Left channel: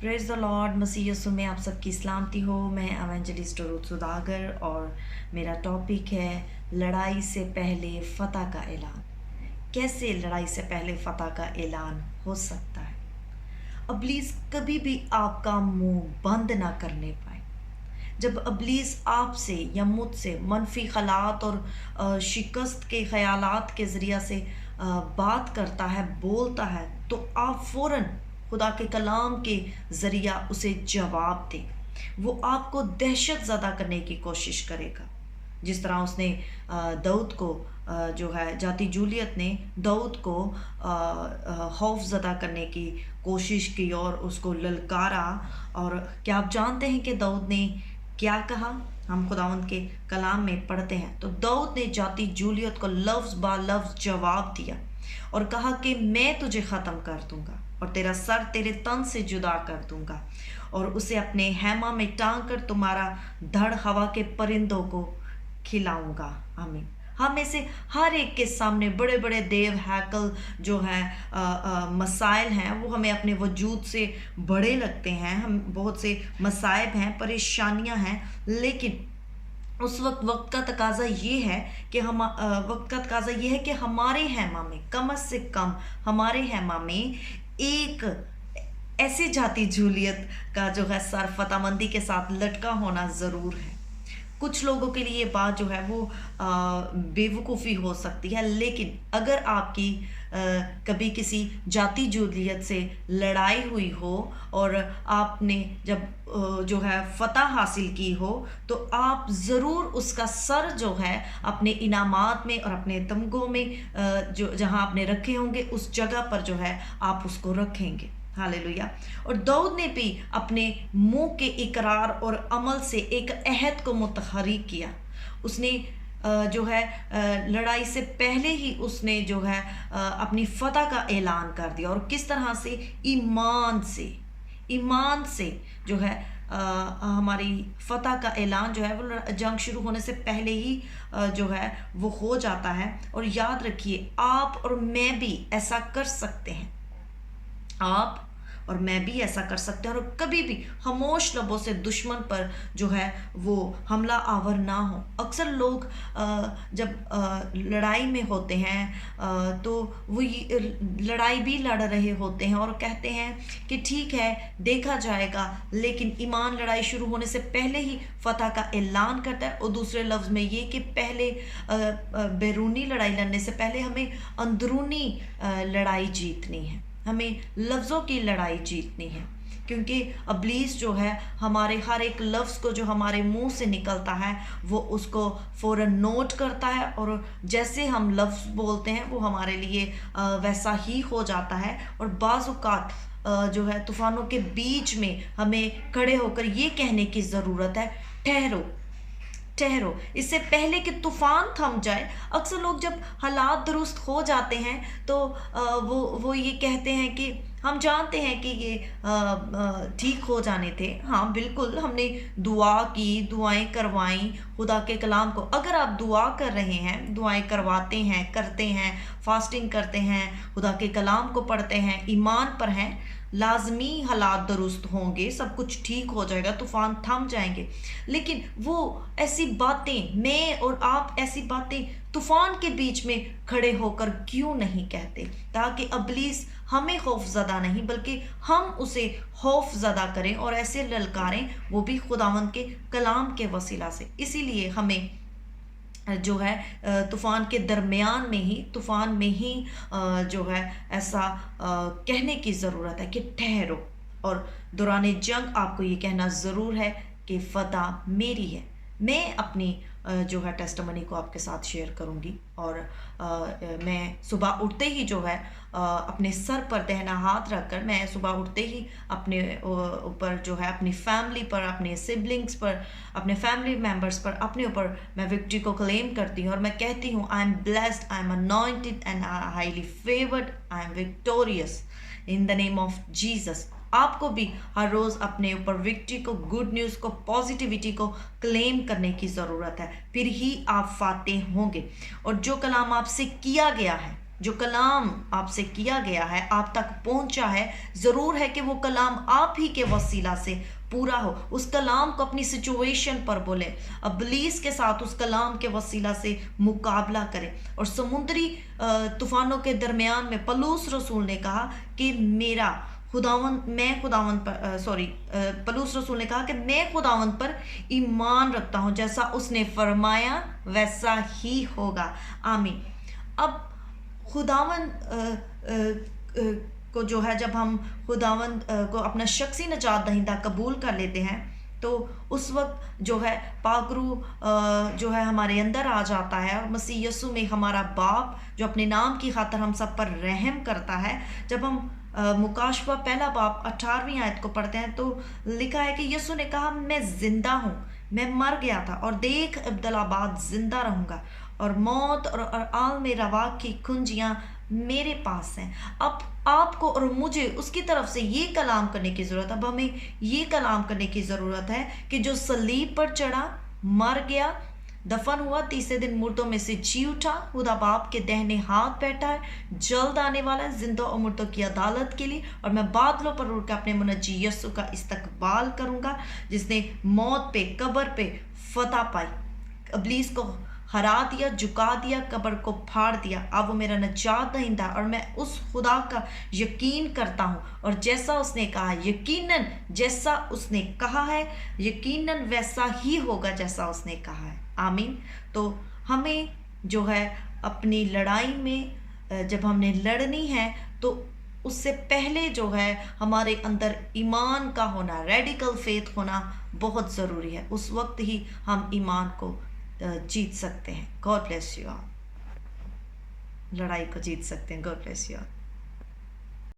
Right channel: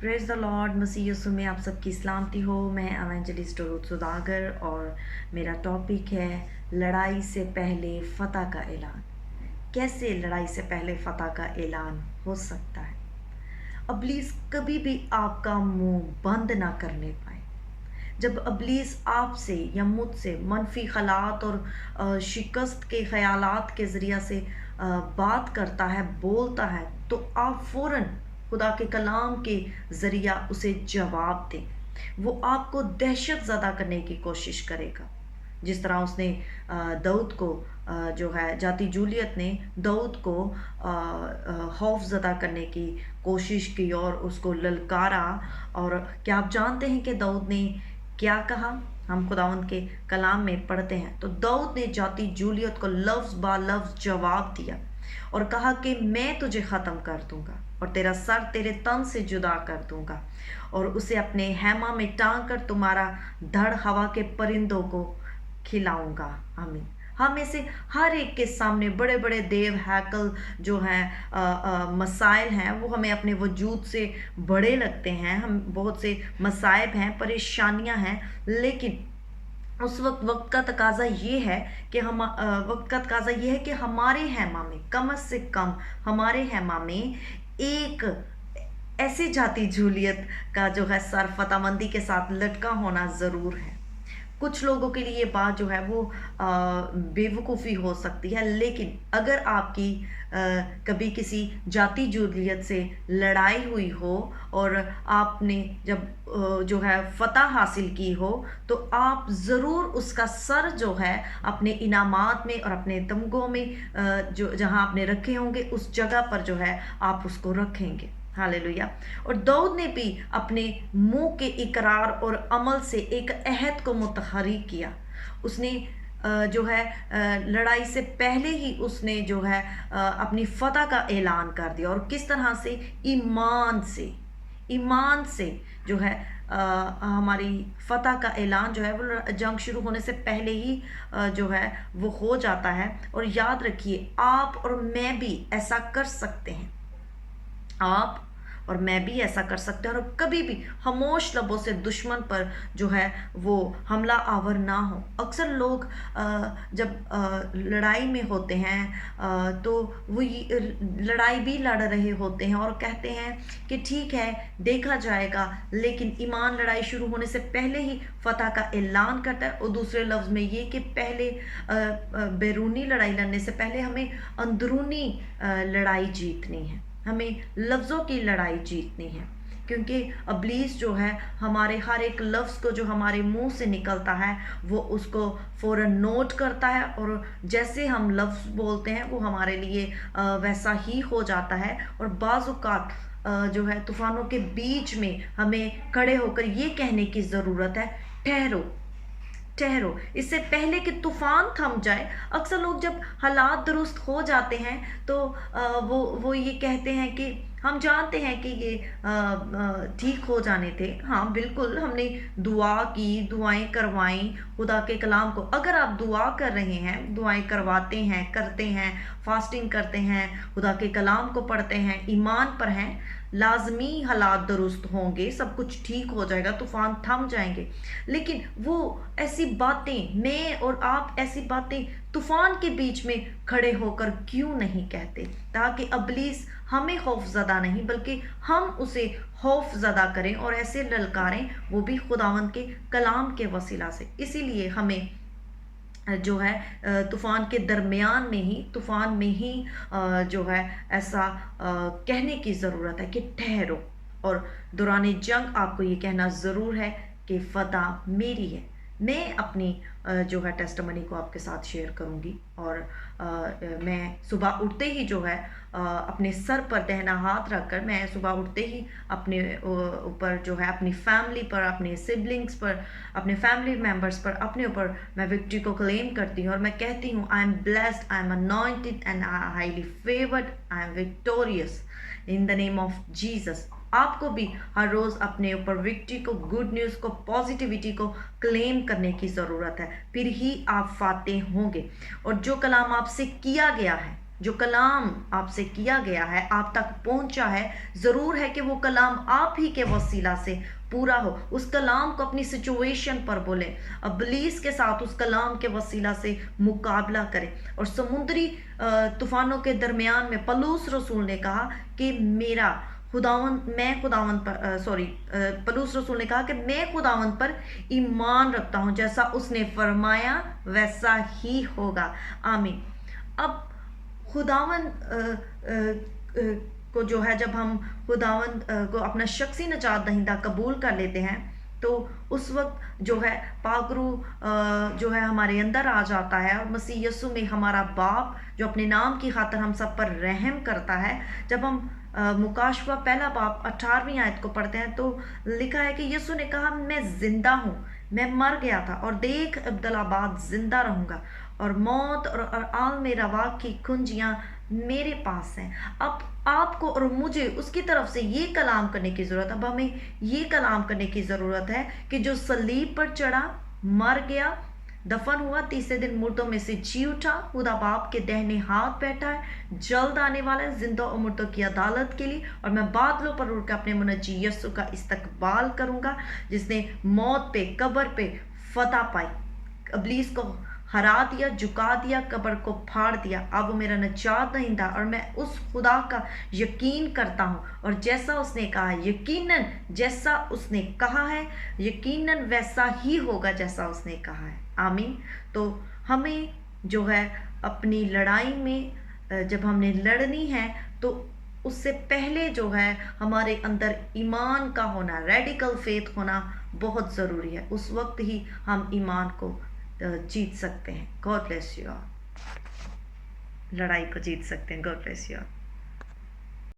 Praise the lord. मसीह यीशु में आप सबकी सलामती हो। मैं एवेंजलिस्ट रुथ सुदागर और मेरा टॉपिक है लड़ाई से पहले फतह का ऐलान। कैसे लड़ाई से पहले फतह का ऐलान हो सकता है? इब्लीस कभी भी आपका मुंह बंद ना करने पाए। जब इब्लीस आपसे या मुझसे मनफी ख़यालात और शिकस्त के ख़यालात के ज़रिया से बात करता है, बोलता है, तो आप फ़ौरन खुदा के कलाम के ज़रिया उसे जवाब दें। वो आपको दहशत ज़दा करने की कोशिश करेगा, जिस तरह उसने दाऊद को जो है जाती जूलियत ने दाऊद को खौफ ज़दा करने की कोशिश की और उसको ललकारा। और क्या आप जानते हैं कि दाऊद ने क्या कहा? हम खुदावंद के कलाम में पढ़ते हैं तो दाऊद ने जाती जूलियत को लफ्ज़ बा लफ्ज़ जवाब दिया और कहा कि मैं तुझे ख़त्म कर दूंगा और तेरा सर तेरे तन से जुदा कर दूंगा और उसे अपने हैमा में टांग कर तुम्हारा धड़ हवा के परिंदों को खिलाऊंगा। आमीन। हम में से हर एक के सामने बड़े बड़े देव हैकल जो हैं मसाइल हैं, वो हमें अपने वजूद से बड़े लगते हैं। हम बहुत से मसाइब हैं, परेशानियां हैं, लेकिन उस वक्त का तकाजा ये है कि वक्त का तकाजा ये है कि हमारे हैमा में कम से कम हमारे हैमा में एक ऐसी जाति जूलियत का जो है सर फतामंदी के साथ लटका होना ज़रूर है। कुछ लोगों के लिए ये बात जो है वो बेवकूफ़ी हो सकती है, लेकिन अगर आपकी कभी किसी जाति जूलियत से लड़ाई हुई हो और आपने जब जो है फतह हासिल की हो, तो आप ज़रूर उसका सर जो है अपने इनामात में और अपने तमगों में जो जहां आपने रखे होंगे उस जगह पर जो है आप उसको रखेंगे। हालेलुया। और दाऊद ने भी अपने मुंह के इकरार और अमल से एक अहद को मुतहर्रिक किया। उसने जो है लड़ाई से पहले ही उसने जो है अपनी फतह का ऐलान कर दिया। और किस तरह से? ईमान से जो है हमारी फतह का ऐलान जो है वो जंग शुरू होने से पहले ही जो है वो हो जाता है। और याद रखिए, आप और मैं भी ऐसा कर सकते हैं। आप और मैं भी ऐसा कर सकते हैं और कभी भी खामोश लबों से दुश्मन पर जो है वो हमला आवर ना हो। अक्सर लोग जब लड़ाई में होते हैं तो वो लड़ाई भी लड़ रहे होते हैं और कहते हैं कि ठीक है, देखा जाएगा, लेकिन ईमान लड़ाई शुरू होने से पहले ही फतह का ऐलान करता है। और दूसरे लफ्ज़ में ये कि पहले बैरूनी लड़ाई लड़ने से पहले हमें अंदरूनी लड़ाई जीतनी है, हमें लफ्ज़ों की लड़ाई जीतनी है। क्योंकि इब्लीस जो है हमारे हर एक लफ्ज़ को जो हमारे मुंह से निकलता है वो उसको फ़ौरन नोट करता है और जैसे हम लफ्ज़ बोलते हैं वो हमारे लिए वैसा ही हो जाता है। और बाज़ औक़ात जो है तूफ़ानों के बीच में हमें खड़े होकर ये कहने की ज़रूरत है, ठहरो ठहरो, इससे पहले कि तूफ़ान थम जाए। अक्सर लोग जब हालात दुरुस्त हो जाते हैं तो वो ये कहते हैं कि हम जानते हैं कि ये ठीक हो जाने थे। हाँ बिल्कुल, हमने दुआ की, दुआएं करवाई खुदा के कलाम को। अगर आप दुआ कर रहे हैं, दुआएं करवाते हैं, करते हैं, फास्टिंग करते हैं, खुदा के कलाम को पढ़ते हैं, ईमान पर हैं, लाजमी हालात दुरुस्त होंगे, सब कुछ ठीक हो जाएगा, तूफ़ान थम जाएंगे। लेकिन वो ऐसी बातें, मैं और आप ऐसी बातें तूफ़ान के बीच में खड़े होकर क्यों नहीं कहते, ताकि इब्लीस हमें खौफज़दा नहीं बल्कि हम उसे खौफज़दा करें और ऐसे ललकारें, वो भी खुदावंद के कलाम के वसीला से। इसीलिए हमें जो है तूफ़ान के दरमियान में ही, तूफ़ान में ही जो है ऐसा कहने की ज़रूरत है कि ठहरो। और दौरान जंग आपको ये कहना ज़रूर है कि फ़तह मेरी है। मैं अपनी जो है टेस्टमनी को आपके साथ शेयर करूंगी। और मैं सुबह उठते ही जो है अपने सर पर दहना हाथ रखकर, मैं सुबह उठते ही अपने ऊपर जो है अपनी फैमिली पर, अपने सिबलिंग्स पर, अपने फैमिली मेम्बर्स पर, अपने ऊपर मैं विक्ट्री को क्लेम करती हूँ और मैं कहती हूँ, I am blessed, I am anointed and highly favoured, I am victorious in the name of Jesus. आपको भी हर रोज़ अपने ऊपर विक्ट्री को, गुड न्यूज़ को, पॉजिटिविटी को क्लेम करने की ज़रूरत है, फिर ही आप फातेह होंगे। और जो कलाम आपसे किया गया है جو کلام آپ سے کیا گیا ہے، آپ تک پہنچا ہے، ضرور ہے کہ وہ کلام آپ ہی کے وسیلہ سے پورا ہو۔ اس کلام کو اپنی سچویشن پر بولیں، ابلیس کے ساتھ اس کلام کے وسیلہ سے مقابلہ کریں۔ اور سمندری طوفانوں کے درمیان میں پلوس رسول نے کہا کہ پلوس رسول نے کہا کہ میں خداوند پر ایمان رکھتا ہوں، جیسا اس نے فرمایا ویسا ہی ہوگا۔ آمین۔ اب خداوند کو جو ہے، جب ہم خداوند کو اپنا شخصی نجات دہندہ قبول کر لیتے ہیں تو اس وقت جو ہے پاک روح جو ہے ہمارے اندر آ جاتا ہے، اور مسیح یسوع میں ہمارا باپ جو اپنے نام کی خاطر ہم سب پر رحم کرتا ہے۔ جب ہم مکاشفہ پہلا باب 18ویں آیت کو پڑھتے ہیں تو لکھا ہے کہ یسوع نے کہا میں زندہ ہوں، میں مر گیا تھا اور دیکھ ابدالآباد زندہ رہوں گا، اور موت اور عالم روا کی کنجیاں میرے پاس ہیں۔ اب آپ کو اور مجھے اس کی طرف سے یہ کلام کرنے کی ضرورت ہے۔ اب ہمیں یہ کلام کرنے کی ضرورت ہے کہ جو صلیب پر چڑھا، مر گیا، دفن ہوا، تیسرے دن مردوں میں سے جی اٹھا، خدا باپ کے دہنے ہاتھ بیٹھا ہے، جلد آنے والا ہے زندوں اور مردوں کی عدالت کے لیے، اور میں بادلوں پر اڑ کے اپنے منجی یسوع کا استقبال کروں گا، جس نے موت پہ، قبر پہ فتح پائی، ابلیس کو ہرا دیا، جھکا دیا، قبر کو پھاڑ دیا۔ اب وہ میرا نجات دہندہ، اور میں اس خدا کا یقین کرتا ہوں، اور جیسا اس نے کہا ہے، یقیناً جیسا اس نے کہا ہے، یقیناً ویسا ہی ہوگا جیسا اس نے کہا ہے۔ آمین۔ تو ہمیں جو ہے اپنی لڑائی میں جب ہم نے لڑنی ہے تو اس سے پہلے جو ہے ہمارے اندر ایمان کا ہونا، ریڈیکل فیتھ ہونا بہت ضروری ہے۔ اس وقت ہی ہم ایمان کو جیت سکتے ہیں۔ God bless you all. لڑائی کو جیت سکتے ہیں۔ God bless you all.